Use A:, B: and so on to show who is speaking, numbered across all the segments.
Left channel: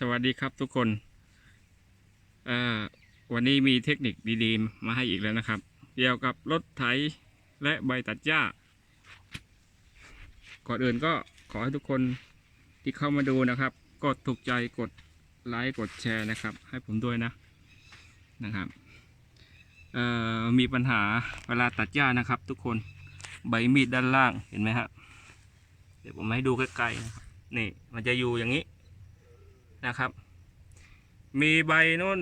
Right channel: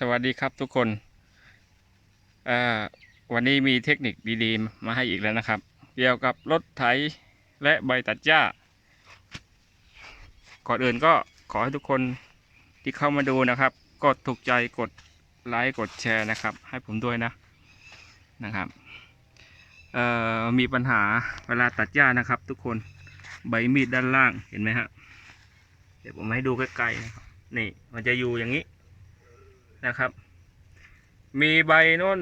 A: สวัสดีครับทุกคนวันนี้มีเทคนิคดีๆ มาให้อีกแล้วนะครับ เกี่ยวกับรถไถและใบตัดหญ้า ก่อนอื่นก็ขอให้ทุกคนที่เข้ามาดูนะครับ กดถูกใจกดไลค์กดแชร์นะครับ ให้ผมด้วยนะนะครับมีปัญหาเวลาตัดหญ้านะครับ ทุกคนใบมีดด้านล่างเห็นไหมฮะเดี๋ยวผมให้ดูใกล้ๆนะครับนี่มันจะอยู่อย่างนี้ นะครับ มีใบโน้น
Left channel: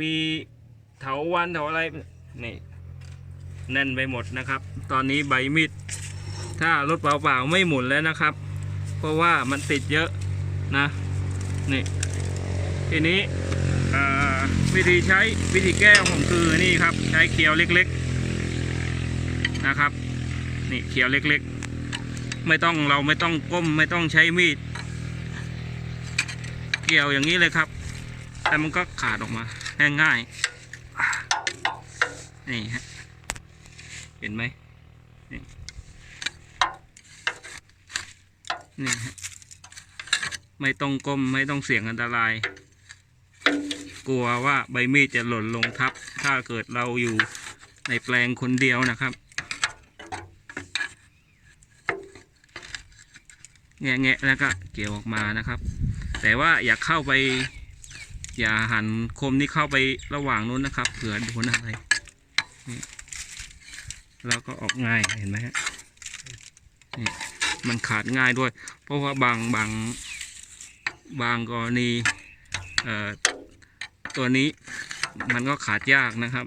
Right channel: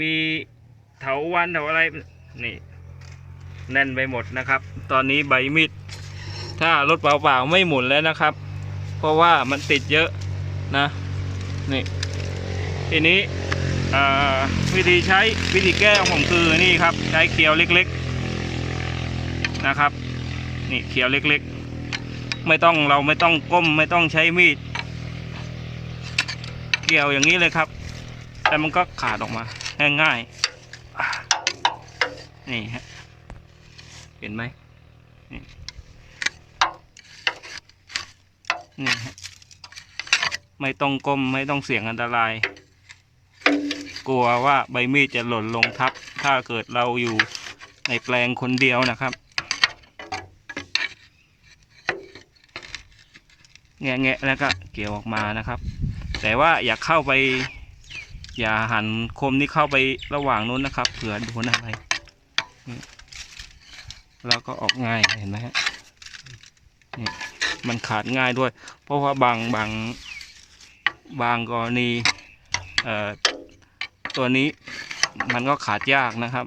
A: มีเถาวันเถาอะไรนี่แน่นไปหมดนะครับ ตอนนี้ใบมีดถ้ารถเปล่าๆไม่หมุนแล้วนะครับ เพราะว่ามันติดเยอะนะนี่ทีนี้วิธีใช้วิธีแก้ของผมคือนี่ครับ ใช้เขียวเล็กๆนะครับ นี่เขียวเล็กๆ ไม่ต้องเราไม่ต้องก้มไม่ต้องใช้มีด กี่ยวอย่างนี้เลยครับ แต่มันก็ขาดออกมาง่ายๆอ่านี่ฮะเห็นไหมนี่นี่ฮะไม่ต้องก้มไม่ต้องเสี่ยงอันตราย กลัวว่าใบมีดจะหล่นลงทับ ถ้าเกิดเราอยู่ในแปลงคนเดียวนะครับ แงะๆแล้วก็เกี่ยวออกมานะครับ แต่ว่าอย่าเข้าไป อย่าหันคมนี่เข้าไประหว่างนู้นนะครับเผื่อโดนอะไรแล้วก็ออกง่ายเห็นไหมฮะนี่มันขาดง่ายด้วย เพราะว่าบางบางบางกรณีเอ่อตัวนี้มันก็ขาดยากนะครับ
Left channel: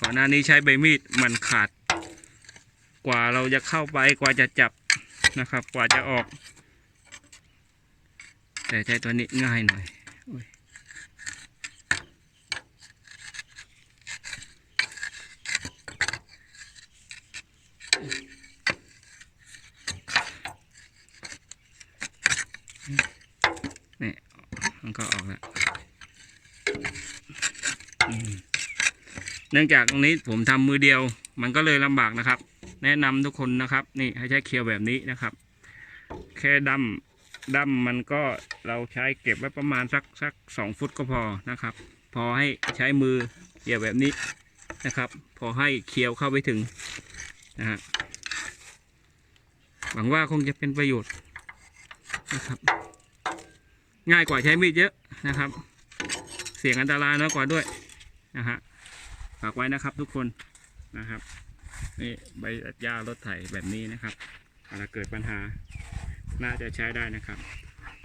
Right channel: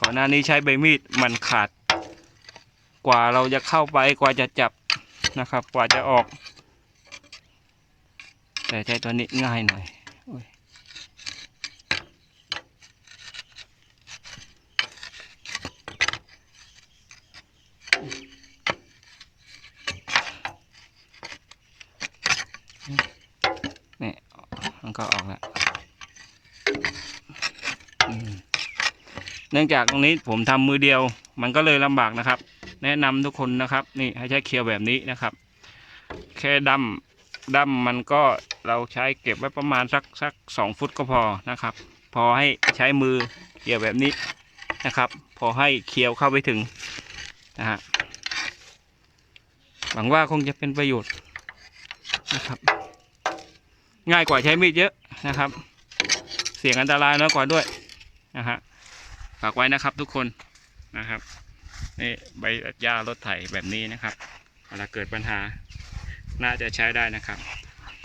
A: ก่อนหน้านี้ใช้ใบมีดมันขาด กว่าเราจะเข้าไปกว่าจะจับนะครับ กว่าจะออก แต่ใช้ตัวนี้ง่ายหน่อยนี่มันก็ออกแล้วเนื่องจากตรงนี้ผมทำมือเดียว มันก็เลยลำบากนะครับ แนะนำทุกคนนะครับ นี่ให้ใช้เคียวแบบนี้นะครับ แค่ดั้มดั้มมันก็เราใช้เก็บไว้ประมาณสักสักสองฟุตก็พอนะครับ พอให้ใช้มือเกี่ยวแบบนี้นะครับ พอให้เคียวเข้าไปถึงนะฮะหวังว่าคงจะเป็นประโยชน์นะครับ ง่ายกว่าใช้มีดเยอะนะครับ เสี่ยงอันตรายน้อยกว่าด้วยนะฮะฝากไว้นะครับทุกคนนะครับ นี่ใบตัดหญ้ารถไถแบบนี้นะครับเวลาเกิดปัญหาน่าจะใช้ได้นะครับ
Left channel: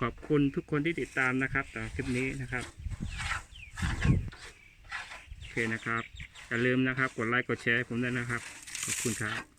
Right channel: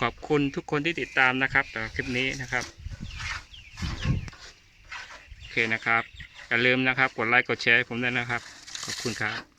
A: ขอบคุณทุกคนที่ติดตามนะครับต่อคลิปนี้นะครับโอเคนะครับอย่าลืมนะครับ กดไลค์กดแชร์ผมด้วยนะครับ ขอบคุณครับ